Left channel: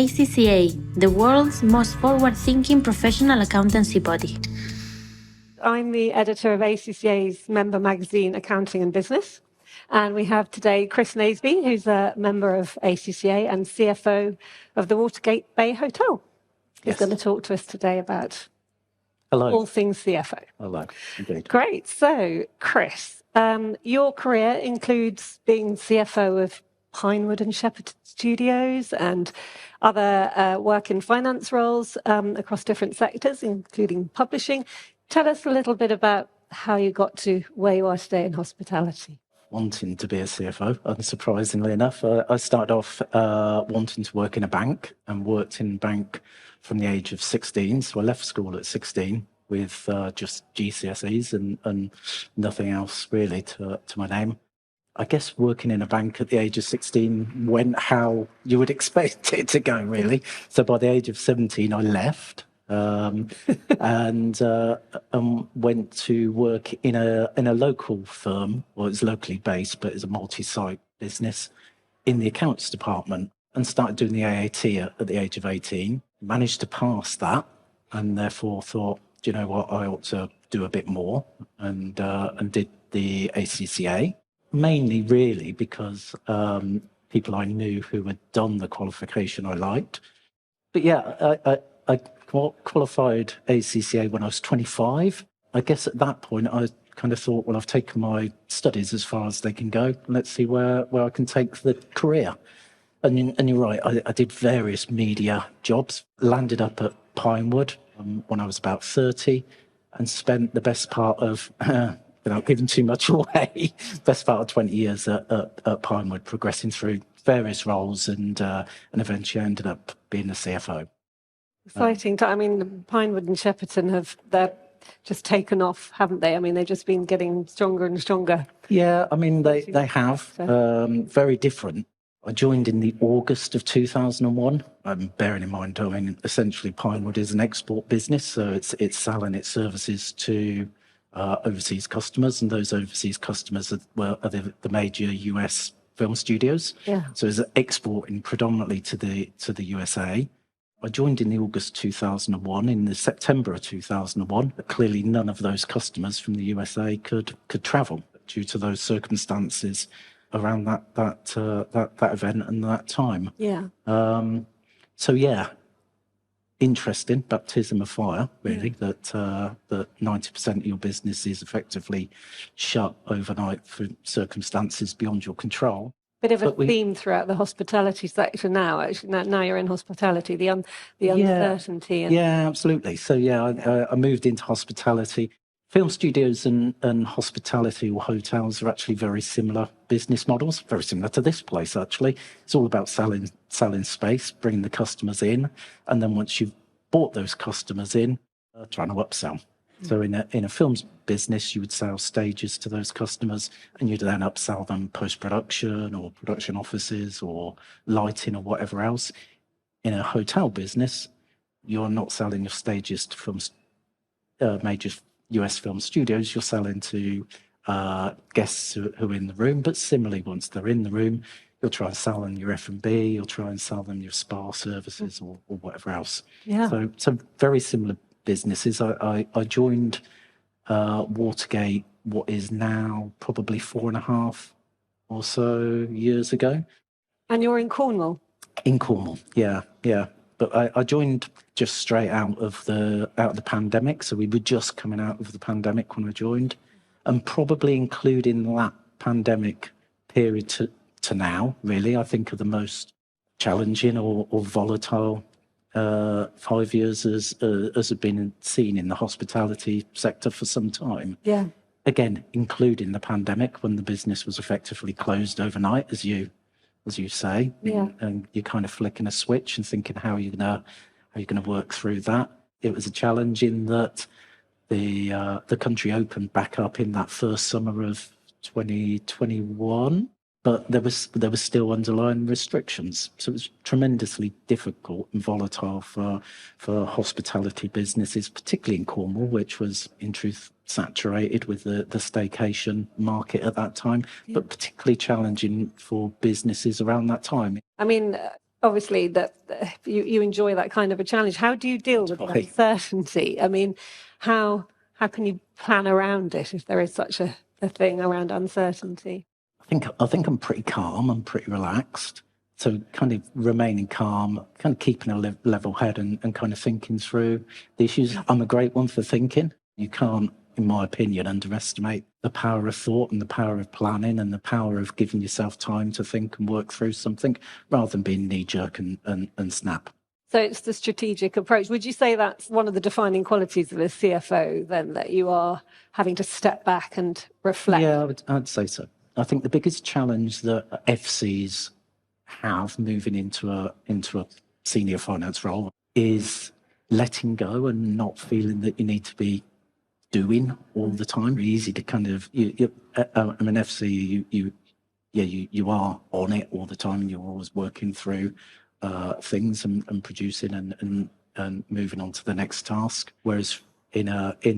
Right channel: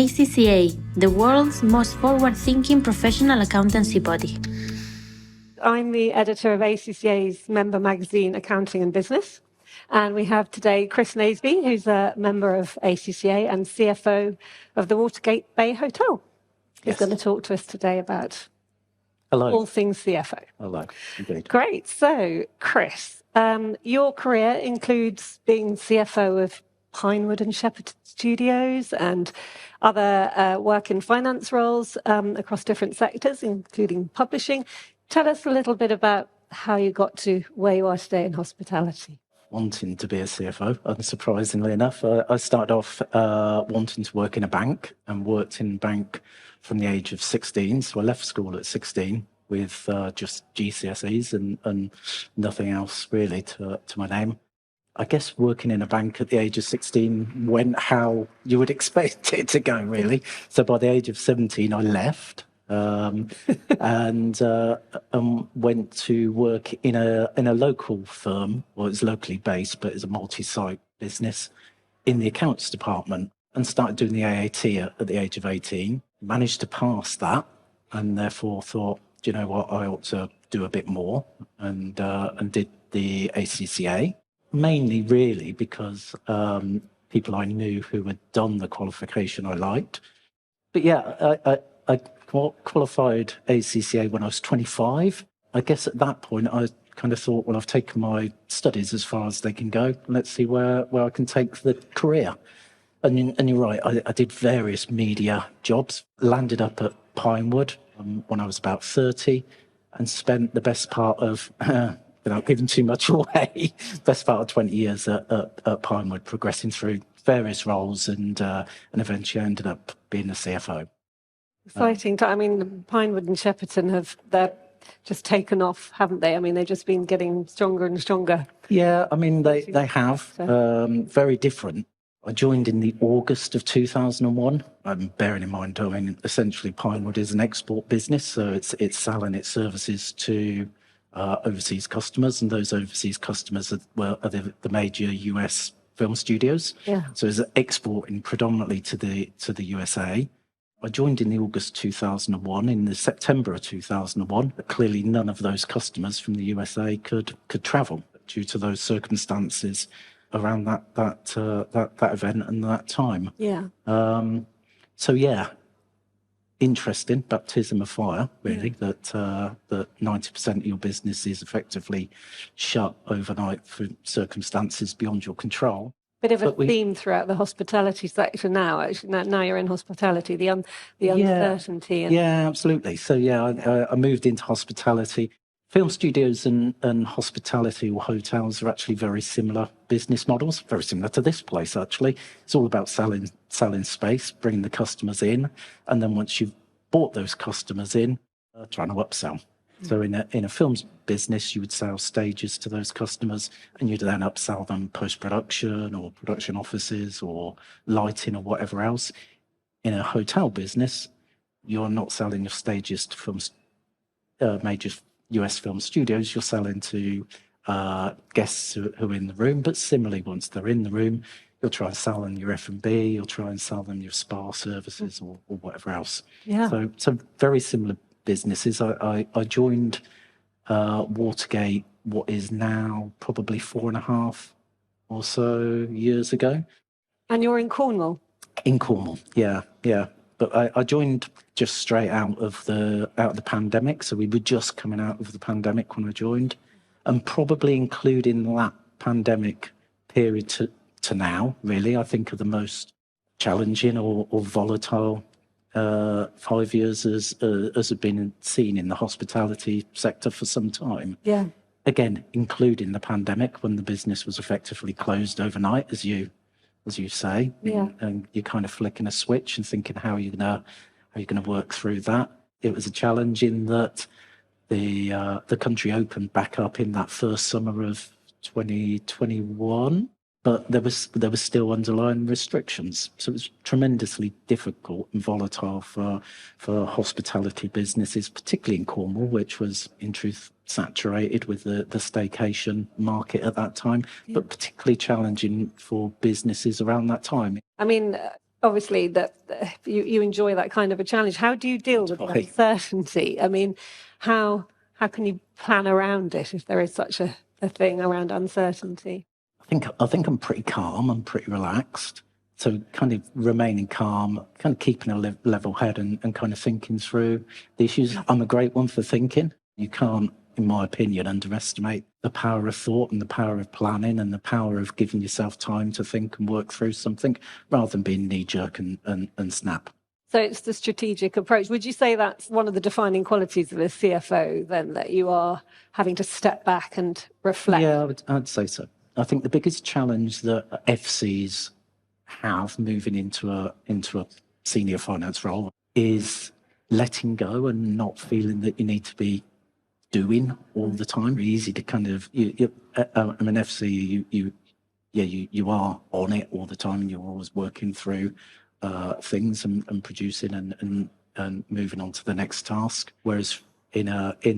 ACCA, the world's most forward-thinking professional accountancy body. I'm the editor of ACCA's member magazine, Accounting and Business. And we have today Chris Naisby, who's a member of ACCA and CFO of the Watergate Bay Hotel. He's going to talk to us today about all things CFO. Hello, indeed. Great. So, Chris, your career includes being CFO of Pinewood and Shepherd Studios and other work in finance roles across different sectors, including publishing. Tell us a little bit about how you got to where you are today in hospitality. Wanting to be a CFO, unsurprisingly enough. I started off wanting to work in a bank and worked in a bank from the age of 16. So I left school at 16 with just GCSEs and nothing else really to my name. I guess working in a bank at the age of 16 went how you would expect it to go, really. So by the age of 17, I left and went to work in a local firm. Well, it's locally based, but it's a multi-site business in the accounts department, and started doing the AAT at the age of 18. Managed to pass that, and therefore thought, do you know what, I ought to do a bit more, and did the ACCA. Mainly, really, because people I knew who had done the qualification I liked. But yeah, I qualified ACCA when I was 25. I guess at that point, I kind of thought, well, I've taken my studies as far as they can go. Let's see where I can take the career. And you're right, I did various media jobs. Landed up at Pinewood when I was about 30 and spent the best part of... without giving too much away, best part of 20 years at Pinewood, progressing through various roles and eventually ended up being the CFO. Exciting. I mean, Pinewood and Shepperton they're just taken off, haven't they? I mean, they've just been getting stronger and stronger. Yeah, I mean, they have. Very different. I joined in the August of 2001. Bearing in mind, I mean, essentially Pinewood is an export business, so it's selling its services to overseas customers, and those overseas customers are the major US film studios. Yeah. So it's exporting predominantly to the USA. I joined in the August 2001. In the September of 2001, clearly none of those customers from the USA could travel due to those circumstances around that event and that time. Yeah. So yeah. Interesting baptism of fire, really, that 90% of your business is effectively shut overnight for circumstances beyond your control. Bit of a theme throughout the hospitality sector now. Actually, now you're in hospitality, the uncertainty. Yeah, absolutely. So yeah, I moved into hospitality. Film studios and hospitality or hotels are actually very similar business models, very similar to this place, actually. It's all about selling space, bringing the customers in, and then once you've bought those customers in, trying to upsell. So in a films business, you would sell stages to those customers, and you'd then upsell them post-production or production offices or lighting or whatever else. In a hotel business, you're not selling your stages to films, major US film studios. You're selling to guests who are in the room, but similarly, once they're in the room, you'll try and sell them your F&B, you'll try and sell them your spa services or whatever else. Yeah. So very similar businesses. I joined Watergate, what is now probably 4.5 or so years ago. And you're in Cornwall? In Cornwall, yeah. But I joined just straight out of the pandemic. So we were just coming out of the pandemic when I joined, and probably including that pandemic period to now, really, I think are the most challenging or volatile 5 years as have been seen in the hospitality sector for some time. Yeah. Again, including the pandemic, when the business was effectively closed overnight, as you say. Yeah. And you're kind of flicking a switch and thinking, how are you gonna work through that? It was a challenge in that the country opened back up in that first summer of 2021, but there was still underlying restrictions. So it was tremendously difficult and volatile for hospitality businesses, particularly in Cornwall, which was in truth saturated with the staycation market at that time, but particularly challenging for businesses around that time. I mean, obviously that you enjoy that kind of a challenge. How do you deal with uncertainty? I mean, how can you plan around it if there is such a thing around uncertainty? I think I'm pretty calm. I'm pretty relaxed. So kind of remaining calm, kind of keeping a level head and kind of thinking through the issues. I'm a great one for thinking. You can't, in my opinion, underestimate the power of thought and the power of planning and the power of giving yourself time to think and work through something rather than being knee-jerk and snap. So it's the strategic approach. Would you say that's one of the defining qualities of a CFO then, that you are having to step back and reflect? Yeah, I'd say so. I think the biggest challenge that FCs have moving into a senior finance role is letting go and not feeling that you need to be doing all the time. It's easy to kind of I'm an FC. You are on it all the time, and you're always working through things and producing and moving on to the next task. Whereas in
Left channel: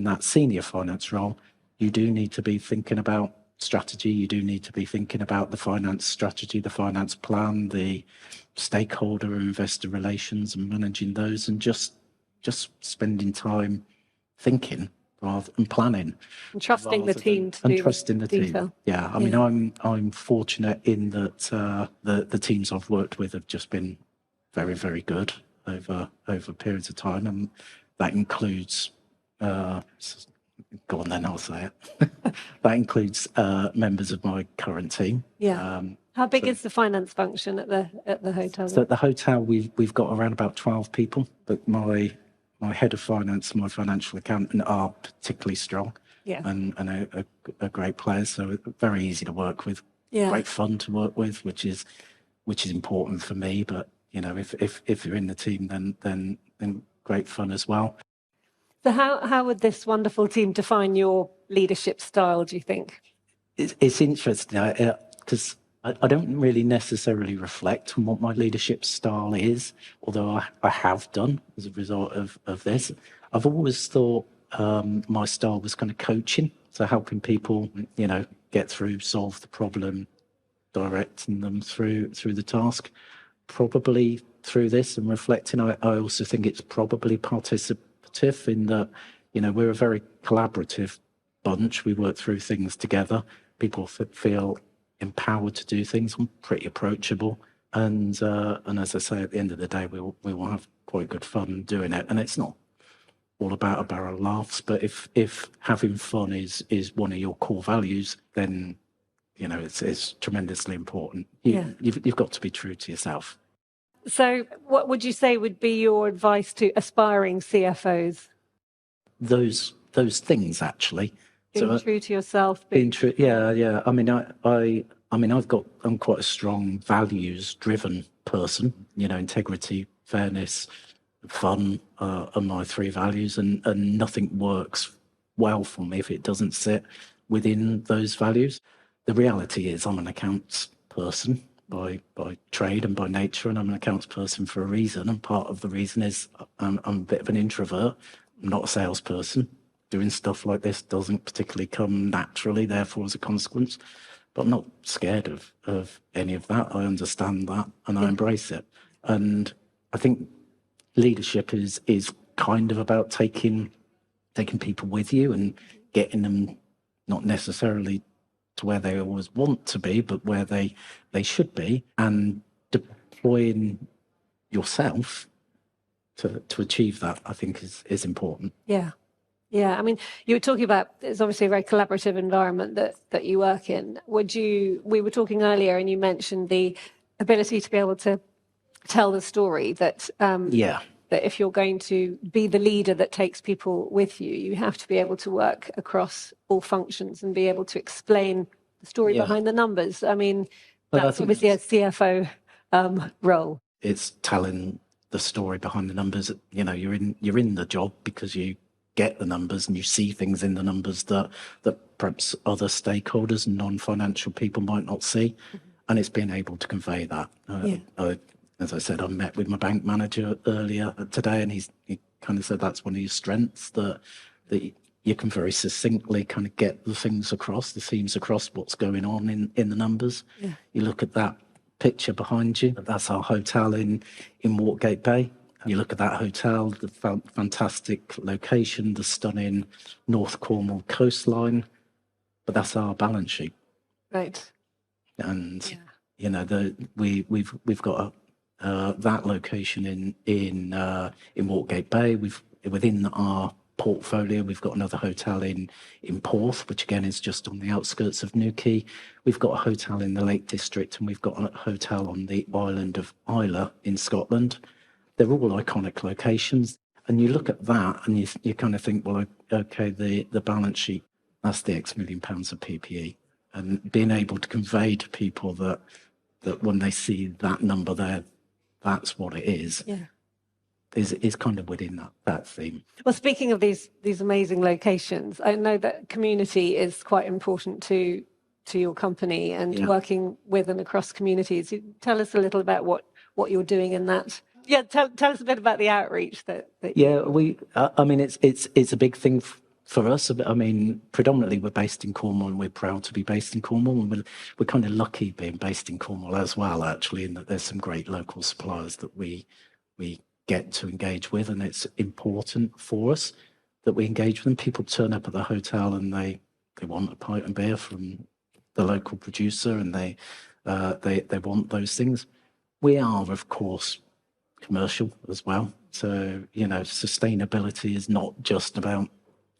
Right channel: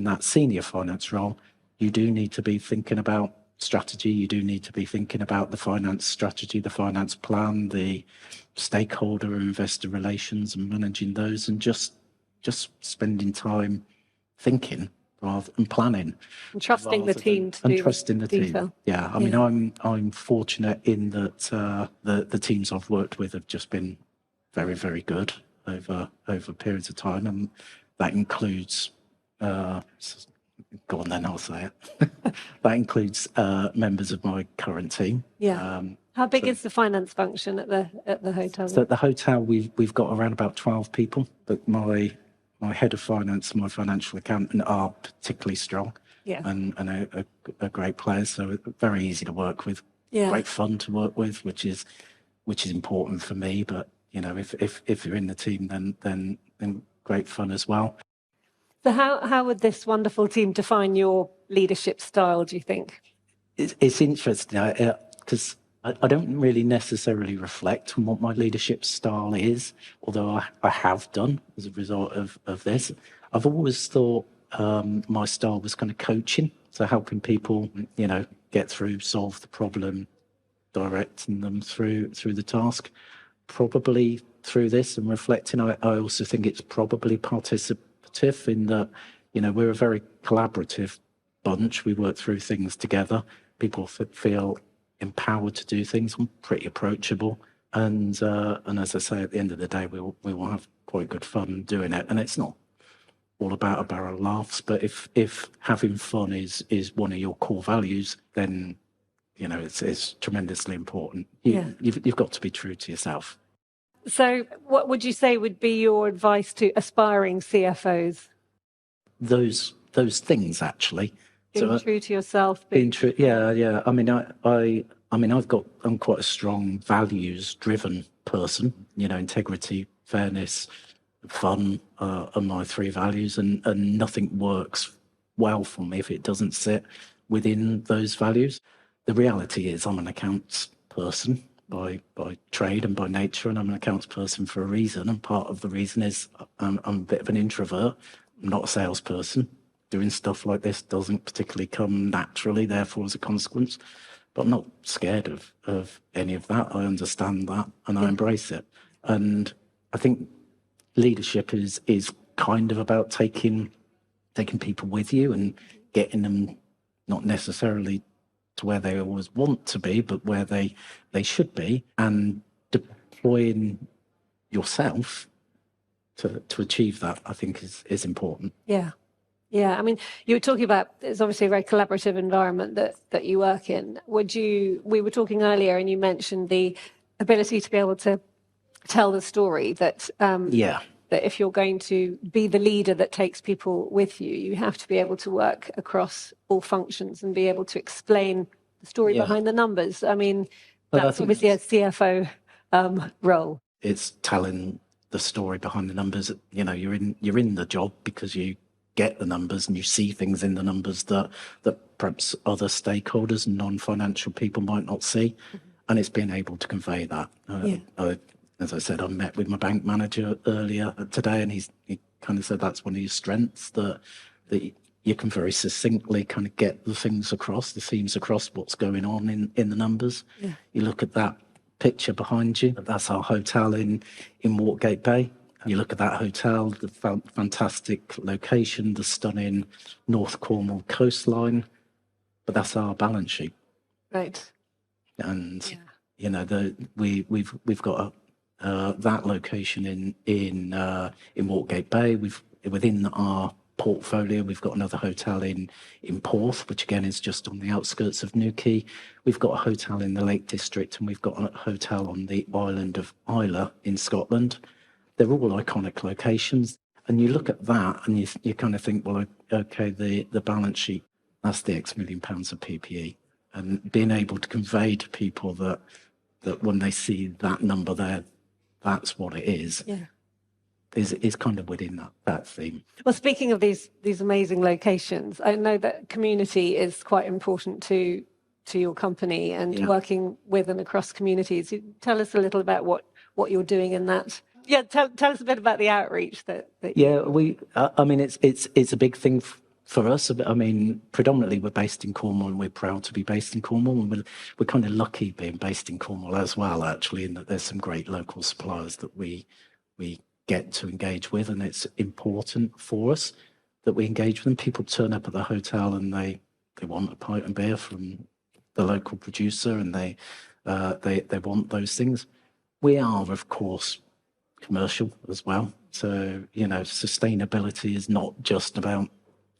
that senior finance role, you do need to be thinking about strategy. You do need to be thinking about the finance strategy, the finance plan, the stakeholder and investor relations, and managing those, and just spending time thinking rather than planning, and trusting the team to do trusting the detail. Team. Yeah, I mean, I'm fortunate in that the teams I've worked with have just been very, very good over periods of time, and that includes. Go on then, I'll say it. That includes members of my current team. Yeah. How big is the finance function at the hotel? So at the hotel, we've got around about 12 people, but my head of finance and my financial accountant are particularly strong. Yeah. And a great player, so very easy to work with. Yeah. Great fun to work with, which is important for me. But you know, if you're in the team, then great fun as well. So how would this wonderful team define your leadership style, do you think? It's interesting because I don't really necessarily reflect on what my leadership style is, although I have done as a result of this. I've always thought my style was kind of coaching, so helping people, you know, get through, solve the problem, directing them through the task. Probably through this and reflecting, I also think it's probably participative in that, you know, we're a very collaborative bunch. We work through things together. People feel empowered to do things. I'm pretty approachable, and as I say, at the end of the day, we will have quite good fun doing it. And it's not all about a barrel of laughs, but if having fun is one of your core values, then you know it's tremendously important. You've got to be true to yourself. So what would you say would be your advice to aspiring CFOs? Those things, actually. Being true to yourself. Being true, yeah. I mean, I'm quite a strong values-driven person. You know, integrity, fairness, fun are my three values, and nothing works well for me if it doesn't sit within those values. The reality is I'm an accounts person by trade and by nature, and I'm an accounts person for a reason, and part of the reason is I'm a bit of an introvert. I'm not a salesperson. Doing stuff like this doesn't particularly come naturally, therefore, as a consequence. But I'm not scared of any of that. I understand that and I embrace it. And I think leadership is kind of about taking people with you and getting them not necessarily to where they always want to be, but where they should be, and deploying yourself to achieve that, I think is important. Yeah, I mean, you were talking about, it's obviously a very collaborative environment that you work in. We were talking earlier and you mentioned the ability to be able to tell the story that that if you're going to be the leader that takes people with you, you have to be able to work across all functions and be able to explain the story behind the numbers. I mean, that's obviously a CFO role. It's telling the story behind the numbers. You know, you're in the job because you get the numbers and you see things in the numbers that perhaps other stakeholders and non-financial people might not see, and it's being able to convey that. As I said, I met with my bank manager earlier today, and he kind of said that's one of your strengths, that you can very succinctly kind of get the things across, the themes across, what's going on in the numbers. You look at that picture behind you, that's our hotel in Watergate Bay. You look at that hotel, the fantastic location, the stunning North Cornwall coastline, but that's our balance sheet. Right. And you know, we've got that location in Watergate Bay. Within our portfolio, we've got another hotel in Porth, which again is just on the outskirts of Newquay. We've got a hotel in the Lake District, and we've got a hotel on the island of Islay in Scotland. They're all iconic locations, and you look at that and you kind of think, well, okay, the balance sheet, that's the X million pounds of PPE, and being able to convey to people that when they see that number there, that's what it is. Yeah. Is kind of within that theme. Well, speaking of these amazing locations, I know that community is quite important to your company and working with and across communities. Tell us a little about what you're doing in that. Yeah, tell us a bit about the outreach that we. I mean, it's a big thing for us. I mean, predominantly we're based in Cornwall, and we're proud to be based in Cornwall, and we're kind of lucky being based in Cornwall as well, actually, in that there's some great local suppliers that we get to engage with, and it's important for us that we engage with them. People turn up at the hotel and they want a pint of beer from the local producer, and they want those things. We are, of course, commercial as well. So, you know, sustainability is not just about,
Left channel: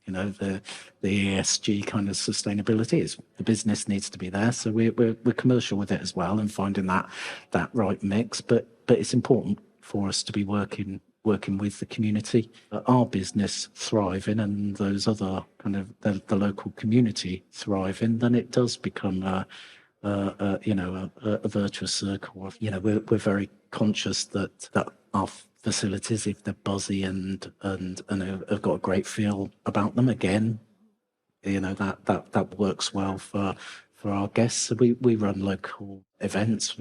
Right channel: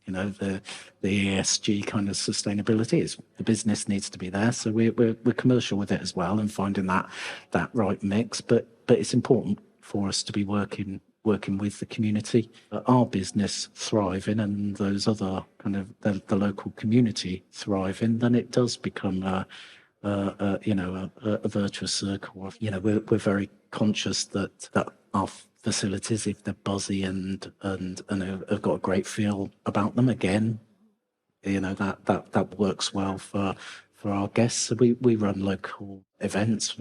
you know, the ESG kind of sustainability. Is the business needs to be there. So we're commercial with it as well, and finding that right mix. But it's important for us to be working with the community, our business thriving, and those other kind of the local community thriving. Then it does become a virtuous circle. You know, we're very conscious that our facilities, if they're buzzy and have got a great feel about them, again, you know, that works well for our guests. So we run local events,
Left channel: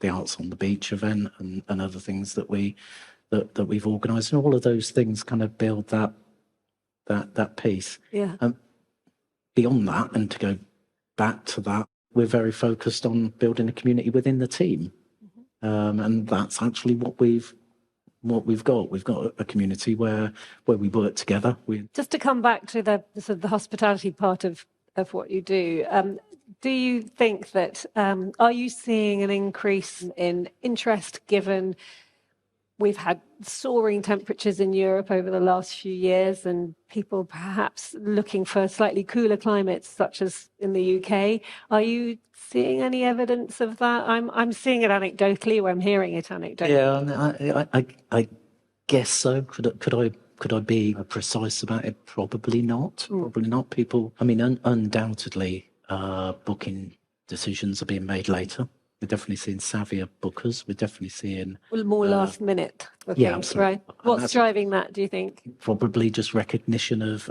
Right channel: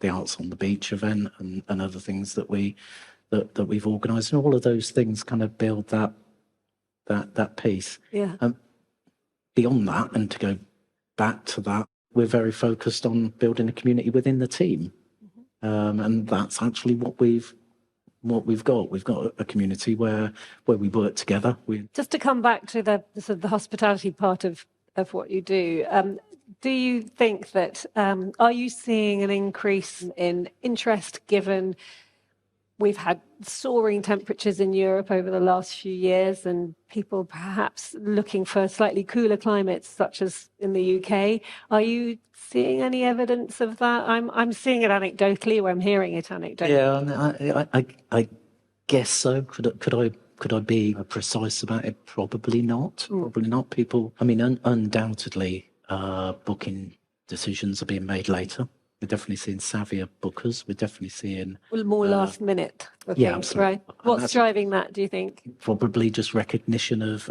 the Arts on the Beach event, and other things that we've organised, and all of those things kind of build that piece. Yeah. Beyond that, and to go back to that, we're very focused on building a community within the team, and that's actually what we've got. We've got a community where we work together. Just to come back to the sort of the hospitality part of what you do. Do you think that, are you seeing an increase in interest given we've had soaring temperatures in Europe over the last few years, and people perhaps looking for slightly cooler climates, such as in the UK? Are you seeing any evidence of that? I'm seeing it anecdotally, or I'm hearing it anecdotally. Yeah, I guess so. Could I be precise about it? Probably not. Probably not. People, I mean, undoubtedly, booking decisions are being made later. We're definitely seeing savvier bookers. We're definitely seeing more last minute bookings, yeah, absolutely. Right? What's driving that, do you think? Probably just recognition of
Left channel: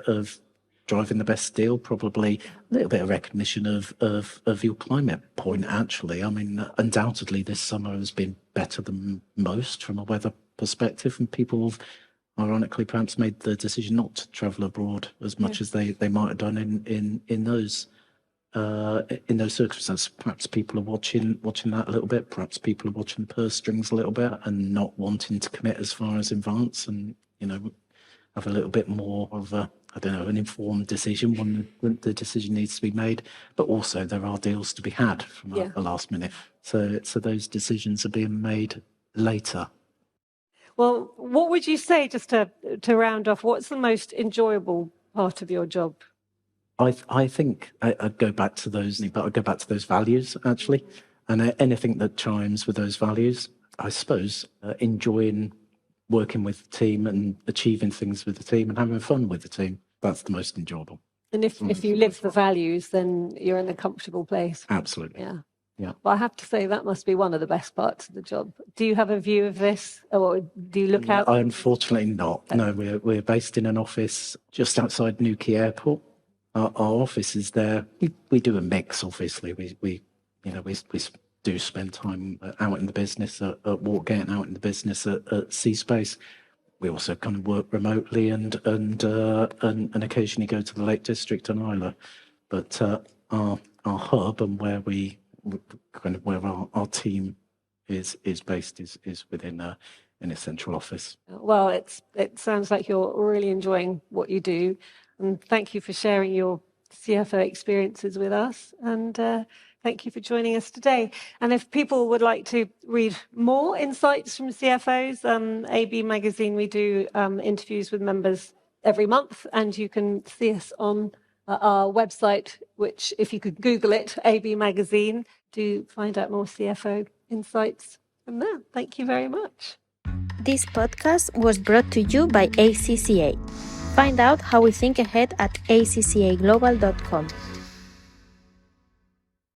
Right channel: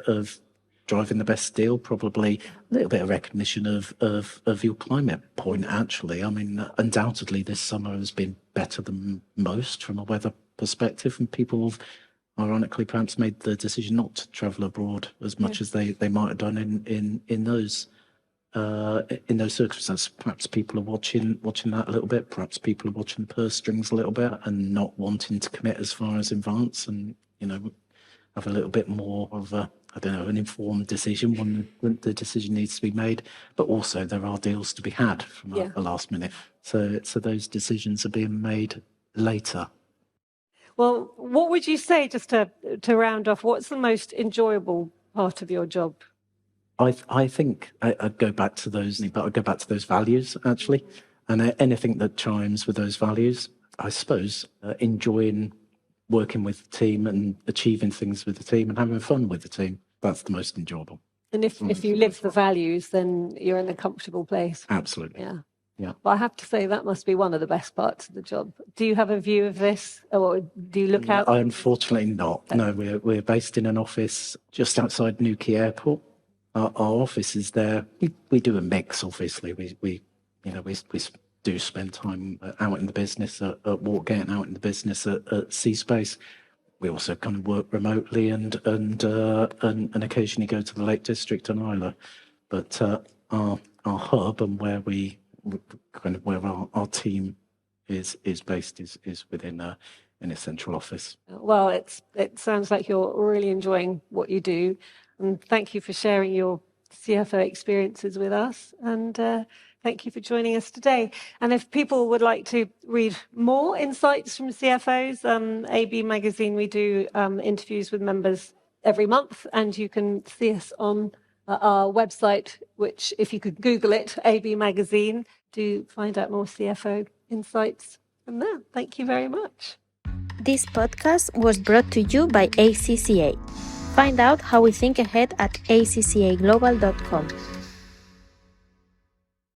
driving the best deal. Probably a little bit of recognition of your climate point, actually. I mean, undoubtedly this summer has been better than most from a weather perspective, and people have ironically perhaps made the decision not to travel abroad as much as they might have done in those circumstances. Perhaps people are watching that a little bit. Perhaps people are watching the purse strings a little bit and not wanting to commit as far as in advance, and you know, have a little bit more of an informed decision when the decision needs to be made. But also there are deals to be had from a last minute. So those decisions are being made later. Well, what would you say, just to round off, what's the most enjoyable part of your job? I think I go back to those values, actually, and anything that chimes with those values. I suppose enjoying working with the team and achieving things with the team and having fun with the team. That's the most enjoyable. And if you live the values, then you're in a comfortable place. Absolutely. Yeah. Well, I have to say that must be one of the best parts of the job. Do you have a view of this, or do you look out? Unfortunately not. No, we're based in an office just outside Newquay Airport. Our office is there. We do a mix, obviously. We do spend time out in the business at Watergate and out in the business at Seaspace. We also kind of work remotely and occasionally go to the Lake District and Islay. But our hub and where our team is based is within in a central office. Well, it sounds like you're really enjoying what you do, and thank you for sharing your CFO experiences with us, and thank you for joining us today. And if people would like to read more insights from CFOs, AB Magazine, we do interviews with members every month, and you can see us on our website, which if you could Google it, AB Magazine, do find out more CFO insights from there. Thank you very much. This podcast was brought to you by ACCA. Find out how we think ahead at acccaglobal.com.